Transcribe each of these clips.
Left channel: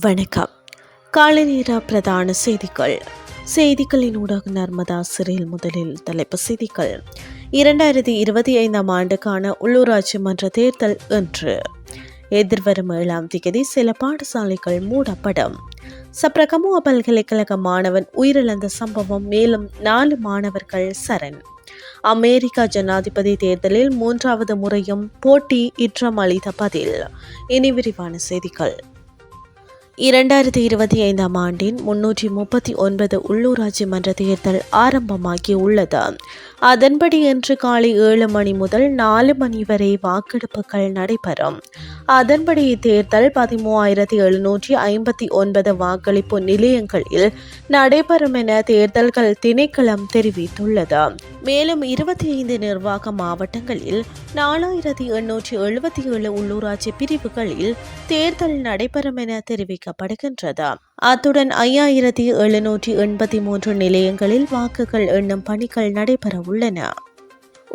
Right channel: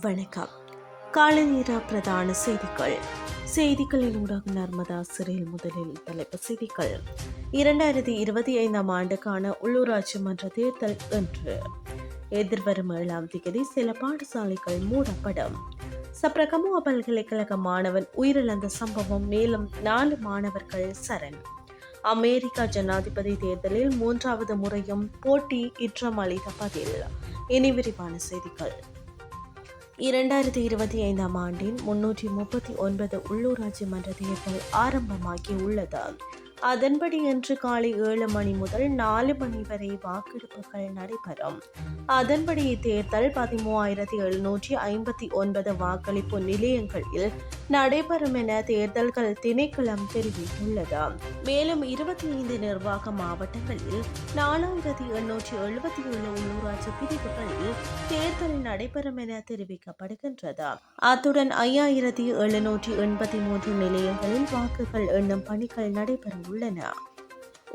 வணக்கம். காலை பிரதான செய்திகள். செய்திகளின் ஊடாக நர்மதா சிறையில் முதலில் தலைப்பு செய்திகள். இரண்டாயிரத்தி இருபத்தி ஐந்தாம் ஆண்டுக்கான உள்ளூராட்சி மன்ற தேர்தல் இன்று. எதிர்வரும் ஏழாம் தேதி சில பாடசாலைகள் மூடப்படும். சப்ரகமுவ பல்கலைக்கழக மாணவன் உயிரிழந்த சம்பவம் மேலும் நாலு மாணவர்கள் சரண். அமெரிக்கா ஜனாதிபதி தேர்தலில் மூன்றாவது முறையும் போட்டி இற்றம் அளித்த பதில். இனி விரிவான செய்திகள். இரண்டாயிரத்தி இருபத்தி ஐந்தாம் ஆண்டின் முன்னூற்றி முப்பத்தி ஒன்பது உள்ளூராட்சி மன்ற தேர்தல் ஆரம்பமாகி உள்ளது அதன்படி இன்று காலை ஏழு மணி முதல் நாலு மணி வரை வாக்கெடுப்புகள் நடைபெறும். அதன்படி இத்தேர்தல் பதிமூவாயிரத்தி எழுநூற்றி ஐம்பத்தி ஒன்பது வாக்களிப்பு நிலையங்களில் நடைபெறும் என தேர்தல்கள் திணைக்களம் தெரிவித்துள்ளது. மேலும் இருபத்தி ஐந்து நிர்வாக மாவட்டங்களில் நாலாயிரத்தி எண்ணூற்றி எழுபத்தி ஏழு உள்ளூராட்சி பிரிவுகளில் தேர்தல் நடைபெறும் என தெரிவிக்கப்படுகின்றது. அத்துடன் ஐயாயிரத்தி எழுநூற்றி எண்பத்தி மூன்று நிலையங்களில் வாக்குகள் எண்ணும் பணிகள் நடைபெற உள்ளன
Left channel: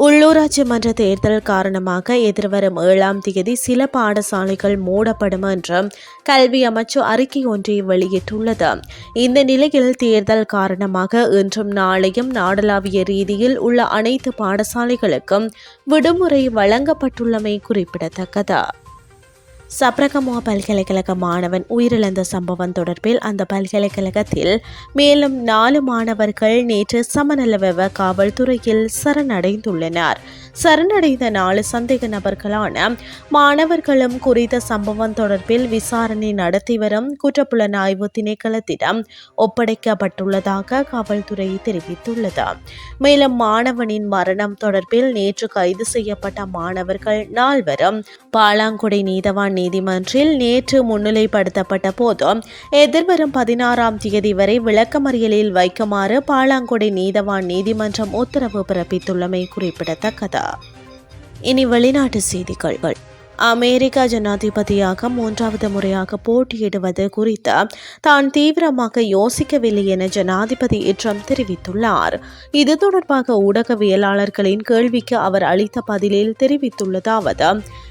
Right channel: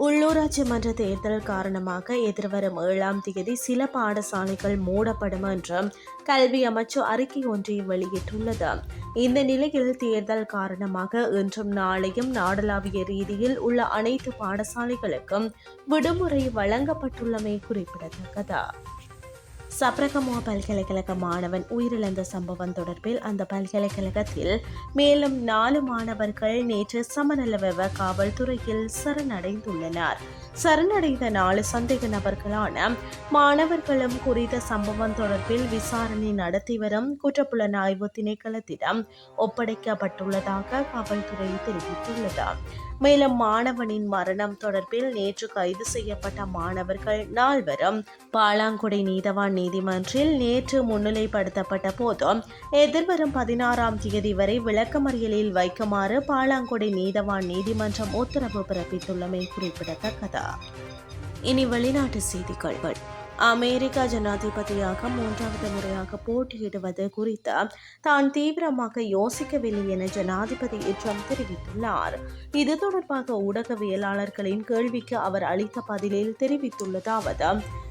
உள்ளூராட்சி மன்ற தேர்தல் காரணமாக எதிர்வரும் ஏழாம் தேதி சில பாடசாலைகள் மூடப்படும் என்று கல்வி அமைச்சு அறிக்கை ஒன்றை வெளியிட்டுள்ளது. இந்த நிலையில் தேர்தல் காரணமாக இன்றும் நாளையும் நாடளாவிய ரீதியில் உள்ள அனைத்து பாடசாலைகளுக்கும் விடுமுறை வழங்கப்பட்டுள்ளமை குறிப்பிடத்தக்கது. சப்ரகமுவா பல்கலைக்கழக மாணவன் உயிரிழந்த சம்பவம் தொடர்பில் அந்த பல்கலைக்கழகத்தில் மேலும் நாலு மாணவர்கள் நேற்று சமநலவெவ காவல்துறையில் சரணடைந்துள்ளனர். சரணடைந்த நாலு சந்தேக நபர்களான மாணவர்களும் குறித்த சம்பவம் தொடர்பில் விசாரணை நடத்தி வரும் குற்றப்புலனாய்வு திணைக்களத்திடம் ஒப்படைக்கப்பட்டுள்ளதாக காவல்துறை தெரிவித்துள்ளது. மேலும் மாணவனின் மரணம் தொடர்பில் நேற்று கைது செய்யப்பட்ட மாணவர்கள் நால்வரும் பாலாங்குடை நீதவான் நீதிமன்றில் நேற்று முன்னிலைப்படுத்தப்பட்ட போதும் எதிர்வரும் பதினாறாம் தேதி வரை விளக்கமறியலில் வைக்குமாறு பாலாங்குடி நீதவான் நீதிமன்றம் உத்தரவு பிறப்பித்துள்ளமை குறிப்பிடத்தக்கது. இனி வெளிநாட்டு செய்திகள். அமெரிக்க ஜனாதிபதியாக மூன்றாவது முறையாக போட்டியிடுவது குறித்து தான் தீவிரமாக யோசிக்கவில்லை என ஜனாதிபதி ட்ரம்ப் தெரிவித்துள்ளார். இது தொடர்பாக ஊடகவியலாளர்களின் கேள்விக்கு அவர் அளித்த பதிலில் தெரிவித்துள்ளதாவது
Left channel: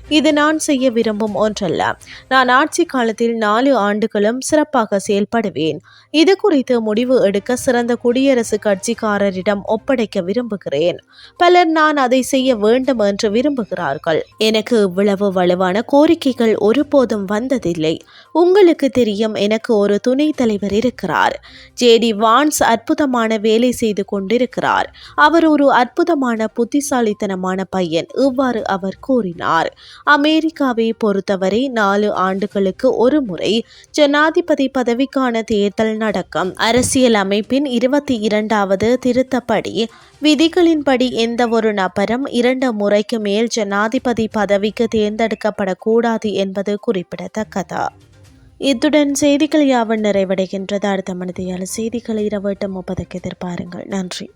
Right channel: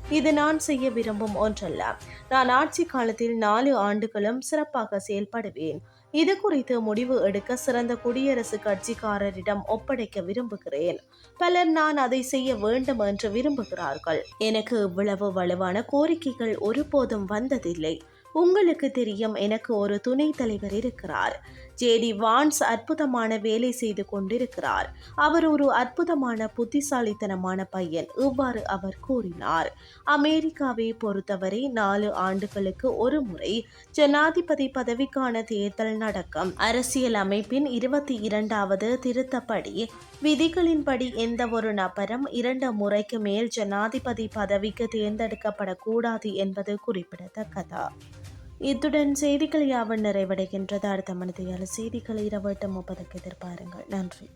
இது நான் செய்ய விரும்பும் ஒன்றல்ல. நான் ஆட்சி காலத்தில் நாலு ஆண்டுகளும் சிறப்பாக செயல்படுவேன். இது குறித்து முடிவு எடுக்க சிறந்த குடியரசுக் கட்சிக்காரரிடம் ஒப்படைக்க விரும்புகிறேன். பலர் நான் அதை செய்ய வேண்டும் என்று விரும்புகிறார்கள். எனக்கு இவ்வளவு வலுவான கோரிக்கைகள் ஒருபோதும் வந்ததில்லை. உங்களுக்கு தெரியும் எனக்கு ஒரு துணை தலைவர் இருக்கிறார். ஜேடி வான்ஸ் அற்புதமான வேலை செய்து கொண்டிருக்கிறார். அவர் ஒரு அற்புதமான புத்திசாலித்தனமான பையன். இவ்வாறு அவர் கூறினார். அமெரிக்காவை பொறுத்தவரை நாலு ஆண்டுகளுக்கு ஒரு முறை ஜனாதிபதி பதவிக்கான தேர்தல் நடக்கும். அரசியல் அமைப்பின் இருபத்தி இரண்டாவது திருத்தப்படி விதிகளின்படி எந்த ஒரு நபரும் இரண்டு முறைக்கு மேல் ஜனாதிபதி பதவிக்கு தேர்ந்தெடுக்கப்படக்கூடாது என்பது குறிப்பிடத்தக்கது? இத்துடன் செய்திகள் யாவன் நிறைவடைகின்றது. அடுத்த மனிதையால் செய்திகளை இரவு எட்டு முப்பதுக்கு எதிர்பாருங்கள். நன்றி.